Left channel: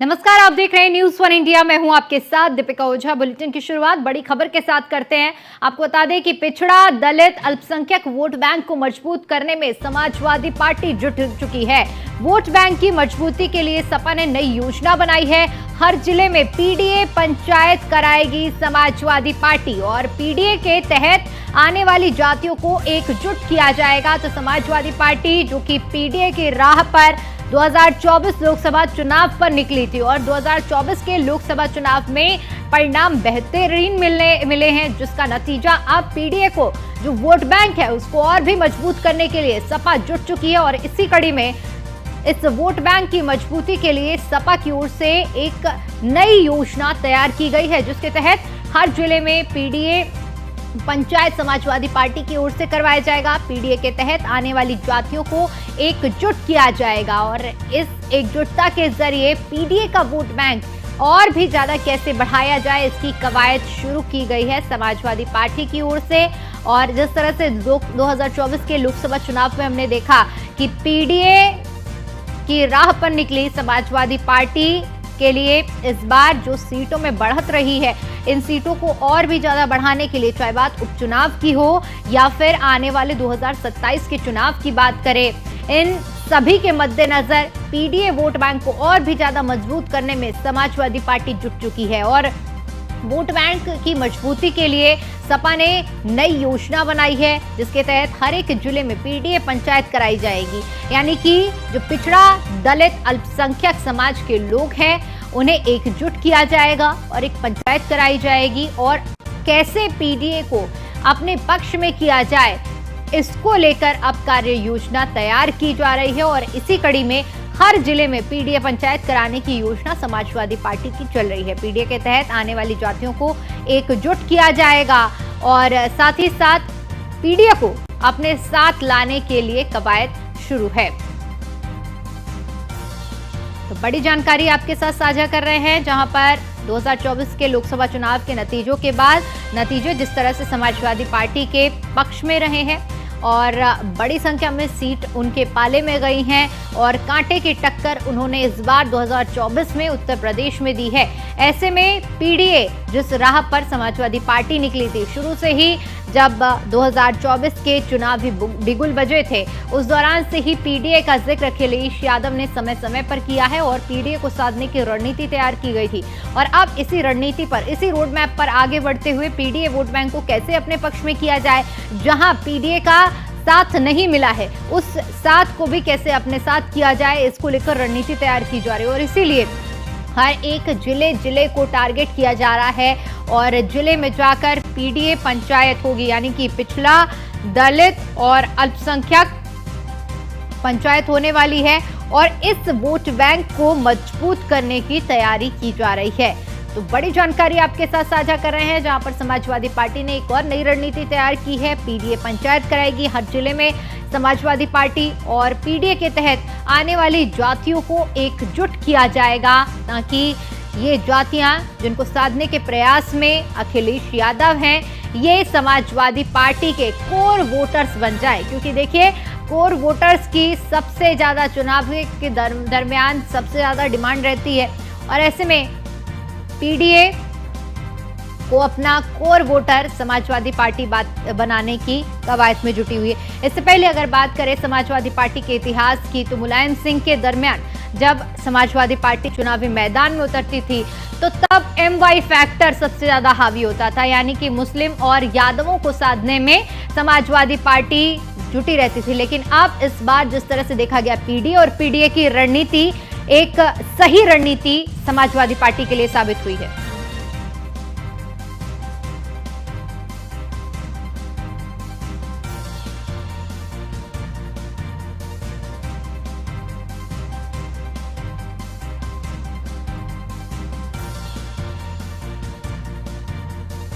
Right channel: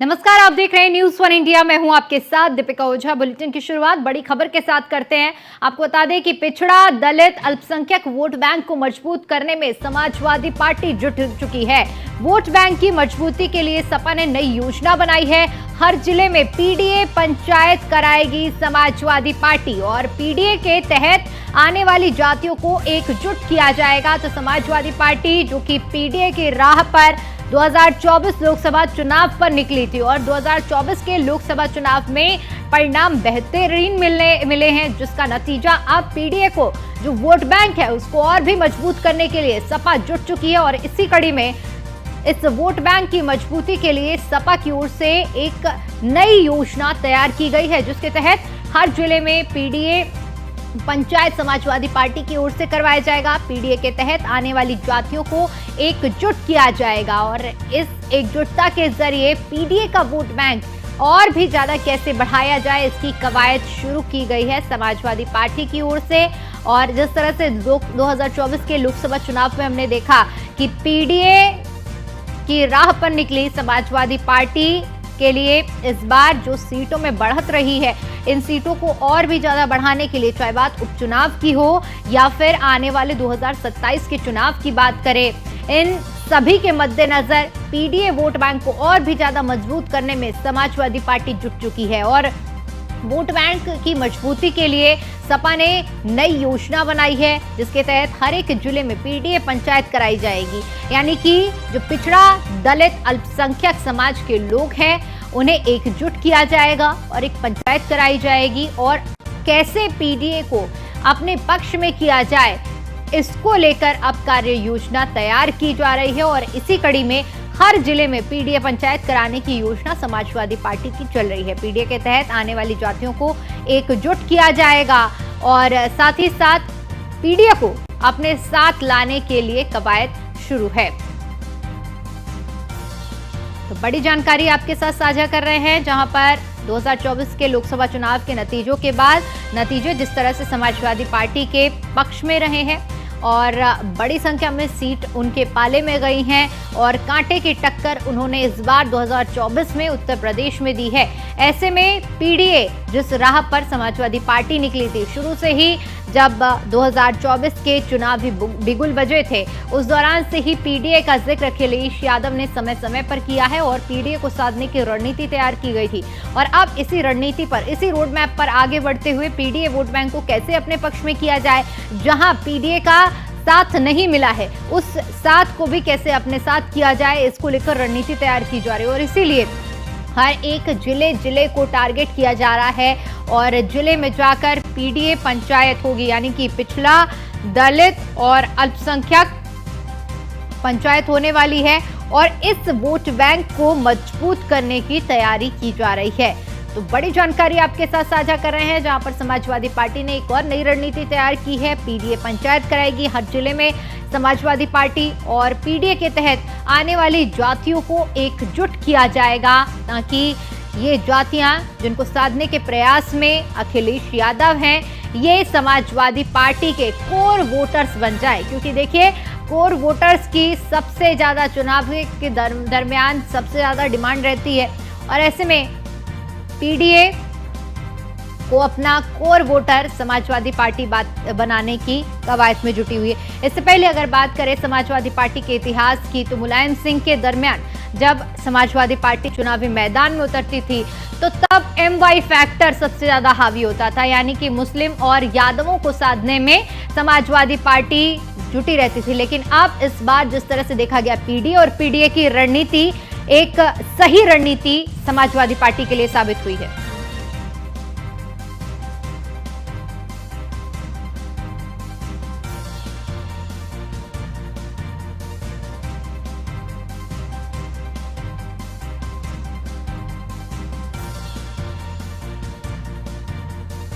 नमस्कार, आप देख रहे हैं न्यूज़ वन इंडिया। मैं हूं आपके साथ दीपिका ओझा। बुलेटिन की शुरुआत बड़ी खबर के साथ करते हैं। आपको बता दें कि पिछड़ा, दलित, अल्पसंख्यक वोट बैंक को मजबूत करने में समाजवादी पार्टी जुट चुकी है। वोट बैंक की मजबूती के लिए सपा ने नई योजना बनाई है। हर जिले में पीडीए पंचायत कराएगी समाजवादी पार्टी और पीडीए के तहत आने वाली जातियों को एकजुट किया जाएगा। तो समाजवादी पार्टी जो कि पीडीए की राह पर 2024 लोकसभा चुनाव पर निकली थी और 2024 के लोकसभा चुनाव में परिणाम बेहतरीन मिले हैं, जिसका नतीजा अब पीडीए को जो वोट बैंक है उसको और भी मजबूत करने के लिए सपा जुट चुकी है। और इसी कड़ी में इस वोट बैंक की मजबूती के लिए सपा की ओर से एक नई योजना तैयार की गई है, जिसके तहत हर जिले में पीडीए पंचायत समाजवादी पार्टी की ओर से करवाया जाएगा। पीडीए के तहत आने वाली जातियों को एकजुट किया जाएगा और इस एकजुटता के जरिए पीडीए का वोट बैंक और भी ज्यादा कैसे बढ़ाया जाए, इसकी कवायद शुरू की गई है समाजवादी पार्टी की ओर से। और जिस तरह से 2024 के लोकसभा चुनाव में हमने देखा कि पीडीए की राह पर निकली समाजवादी पार्टी के लिए इस बार जो सीटों में बढ़त रही है, इन सीटों को और भी ज्यादा बढ़ाने के लिए, चाहे बात उपचुनाव की हो या फिर आने वाले 2027 के चुनाव की बात करें, इन सभी के मद्देनजर पीडीए वोट बैंक को और भी ज्यादा मजबूत करने में समाजवादी पार्टी जुट चुकी है। और वोट बैंक की मजबूती के लिए सपा ने नई योजना बनाई है, जिसके तहत हर एक जिले में पीडीए पंचायत कराई जाएगी। यानी कि जो पिछड़ा, दलित, अल्पसंख्यक समाज के लोग हैं उन्हें एकजुट किया जाएगा और एक पंचायत कराई जाएगी। और कैसे पीडीए को अपने पक्ष में किया जाए, इसको लेकर अब कार्य योजना तैयार की जा रही है। और इसी कड़ी में हर जिले में पीडीए पंचायत कराने की योजना समाजवादी पार्टी की चल रही है। पीडीए के तहत आने वाली जातियों को एकजुट किया जाएगा और साथ ही साथ पीडीए को अपने साथ लाने के लिए कवायद शुरू है। तो बड़ी जानकारी आपके साथ साझा कर रहे हैं, जहां पर 2024 के लोकसभा चुनाव के नतीजों के बाद नतीजे जिस तरह से समाजवादी पार्टी के पक्ष में रहे हैं और बड़ी संख्या में सीट उनके पाले में गई हैं और कांटे की टक्कर उन्होंने इस बार 2024 में उत्तर प्रदेश में दी है। ऐसे में पीडीए जिस राह पर समाजवादी पार्टी निकली थी, शुरू से ही जब 2024 के चुनाव भी बिगुल बजे थे, उस दौरान से ही पीडीए का जिक्र अखिलेश यादव ने समय समय पर किया है और पीडीए को साधने की रणनीति तैयार की गई थी। और अब इसी रणनीति पर, इसी रोड मैप पर आगे बढ़ते हुए पीडीए वोट बैंक को कैसे अपने पक्ष में किया जाए, जहां पीडीए का साथ नहीं मिला है उस साथ को भी कैसे अपने साथ किया जाए, इसको लेकर रणनीति तैयार की जा रही है। और इसीलिए हर एक जिले को टारगेट किया जा रहा है और जिले में जाकर पीडीए पंचायत होगी, यानी कि पिछड़ा, दलित और अल्पसंख्यक पंचायत होने वाली है और इस वोट बैंक को मजबूत करने की तैयारी की जा रही है। तो बड़ी जानकारी आपके साथ साझा कर रहे हैं, जहां पर समाजवादी पार्टी ने एक और नई रणनीति तैयार की है। पीडीए पंचायत कराएगी हर जिले में समाजवादी पार्टी और पीडीए के तहत आने वाली जातियों को एकजुट किया जाएगा, ताकि ये जातियां जिनको साधने के प्रयास में अखिलेश यादव हैं, ये समाजवादी पार्टी के कोर वोटर्स बन जाए। क्योंकि देखिए, कोर वोटर्स की सबसे ज्यादा चुनाव के दरमियान सबसे ज्यादा डिमांड रहती है और ऐसे में पीडीए को अपना कोर वोटर समाजवादी पार्टी बनाने की कवायद में जुटी हुई है। इससे पहले अगर बात करें समाजवादी पार्टी के इतिहास की, तो मुलायम सिंह के दरमियान जब समाजवादी पार्टी चुनावी मैदान में उतरती थी तो तब एमवाई फैक्टर सबसे ज्यादा हावी होता था, यानी कि मुस्लिम और यादवों को साधने में समाजवादी पार्टी जुटी रहती थी। लेकिन अब इस बार जिस तरह से देखा गया, पीडीए और पीडीए की रणनीति एक सही रणनीति समाजवादी पार्टी के लिए साबित हुई है।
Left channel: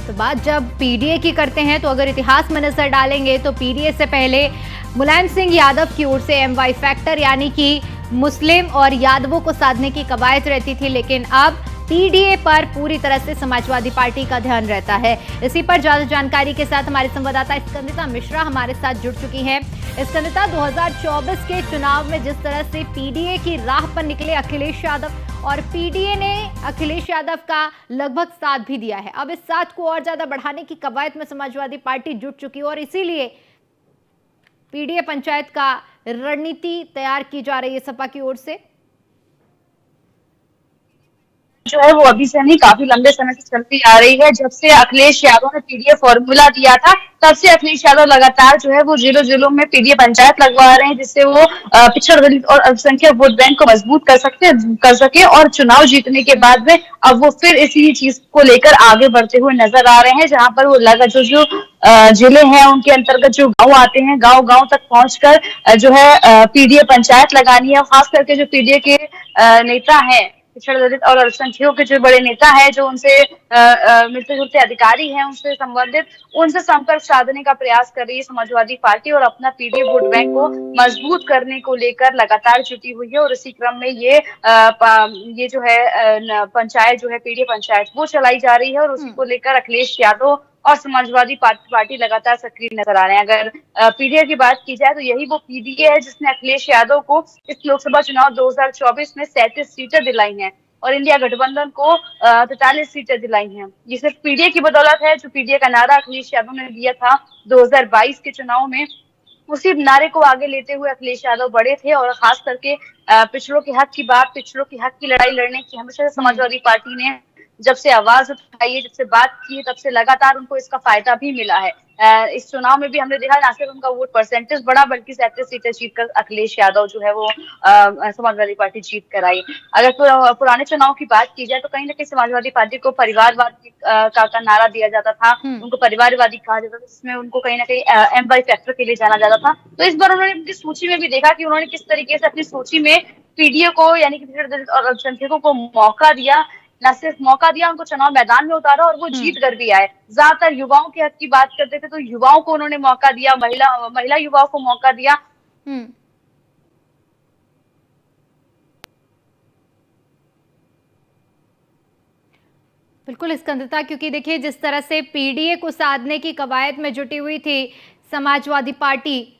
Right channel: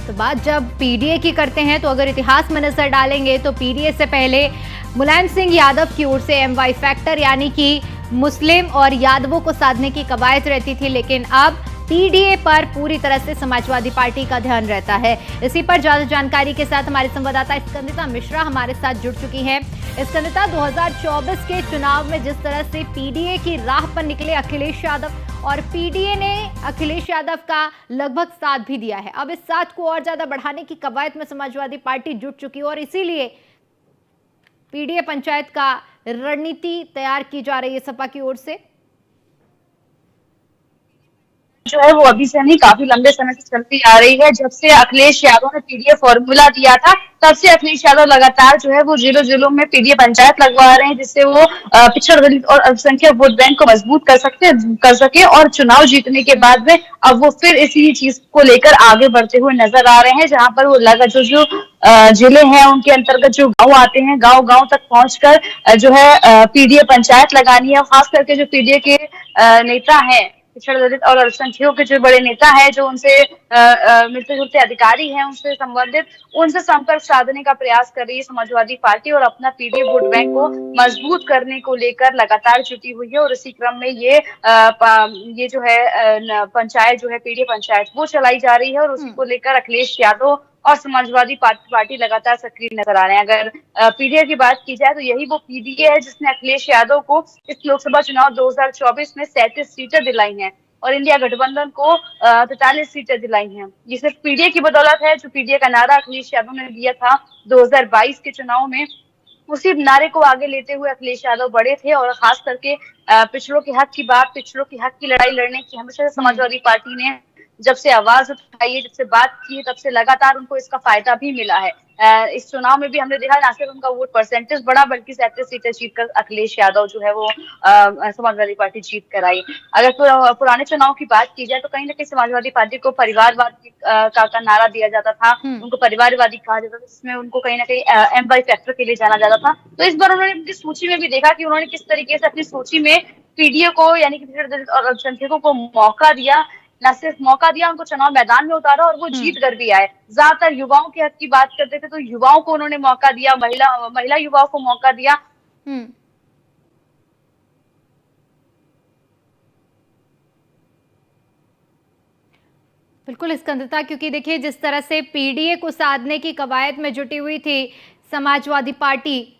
तो बात जब पीडीए की करते हैं, तो अगर इतिहास में नजर डालेंगे तो पीडीए से पहले मुलायम सिंह यादव की ओर से एमवाई फैक्टर यानी कि मुस्लिम और यादवों को साधने की कवायद रहती थी, लेकिन अब पीडीए पर पूरी तरह से समाजवादी पार्टी का ध्यान रहता है। इसी पर ज्यादा जानकारी के साथ हमारे संवाददाता स्कंदिता मिश्रा हमारे साथ जुड़ चुकी हैं। स्कंदिता, 2024 के चुनाव में जिस तरह से पीडीए की राह पर निकले अखिलेश यादव और पीडीए ने अखिलेश यादव का लगभग साथ भी दिया है। अब इस साथ को और ज्यादा बढ़ाने की कवायद में समाजवादी पार्टी जुट चुकी है और इसीलिए पीडीए पंचायत का रणनीति तैयार की जा रही है सपा की ओर से। जो है वो अभी से नहीं, काफी लंबे समय से चलती आ रही है। जब से अखिलेश यादव ने पीडीए फॉर्मूला दिया था, तब से अखिलेश यादव लगातार जो है वो जिलों जिलों में पीडीए पंचायत लगवा रहे हैं, जिससे वो पिछड़ दलित और अल्पसंख्यक वोट बैंक को मजबूत कर सके और चुनाव जीतने के बाद में अब वो फिर इसी चीज को लेकर आगे बढ़ते हुए नजर आ रहे हैं। जहां पर वो लगा जो जिले हैं उनके अंतर्गत जो गांव आते हैं, गांव गांव तक पहुंचकर जो है पीडीए पंचायत लगानी है। खास करके जो पीडीए के नेता है, पिछड़ा दलित और अल्पसंख्यकों के जो बड़े नेता है, जो उनसे मिलते जुलते अधिकारी हैं, उनसे संबंधित उनसे संपर्क साधने का प्रयास कर रही है समाजवादी पार्टी और अपना पीडीए वोट बैंक को मजबूत करने को लेकर लगातार जुटी हुई है। और इसी क्रम में ये जो है पंचायत जो है पीडीए पंचायत वो चलाई जा रही है और उसी को लेकर अखिलेश यादव और समाजवादी पार्टी लगातार सक्रिय नजर आ रहे हैं। अगर पीडीए की बात की जाए तो यही वो पीडीए है जिसने अखिलेश यादव को इस लोकसभा चुनाव 2024 में 37 सीटें दिलाई हैं और इंडिया गठबंधन को 43 सीटें दिलाई हैं। ये सिर्फ पीडीए की बदौलत है। जो पीडीए का नारा अखिलेश यादव ने दिया था 2022 के चुनाव में, उसी नारे को आगे लेते हुए अखिलेश यादव बढ़े थे और खास करके पिछड़ों के हक की बात, पिछड़ों के हक की लड़ाई लड़ने की हमेशा समाजवादी पार्टी ने जब से आवाज उठाई है, जब से बात की है, तब से लगातार उनको इसका फायदा भी मिला है। इस चुनाव में भी हमने देखा ना सिर्फ उनका वोट परसेंटेज बढ़ा, बल्कि 37 सीटें जीतकर अखिलेश यादव जो है वो समाजवादी पार्टी जीत कर आई। अगर पुराने चुनाव की बात की जाए तो कहीं ना कहीं समाजवादी पार्टी को परिवारवाद का नारा दिया जाता था, उनको परिवारवादी कहा जाता था, जिसमें उनको कहीं ना कहीं एम वाई फैक्टर के लिए जाना जाता था। तो इस बार उन्होंने उनकी सूची में भी देखा कि उन्होंने किस तरीके से अपनी सूची में पीडीए को यानी कि पिछड़े दलित और अल्पसंख्यकों को मौका दिया, न सिर्फ मौका दिया, उनको चुनाव मैदान में उतारा और वो जीत कर भी आए। ज्यादातर युवाओं के हक की बात करते थे तो युवाओं को उन्होंने मौका दिया, महिला युवाओं को मौका दिया। बिल्कुल स्कंदता, क्योंकि देखिए जिस तरह से पीडीए को साधने की कवायद में जुटी हुई थी समाजवादी पार्टी,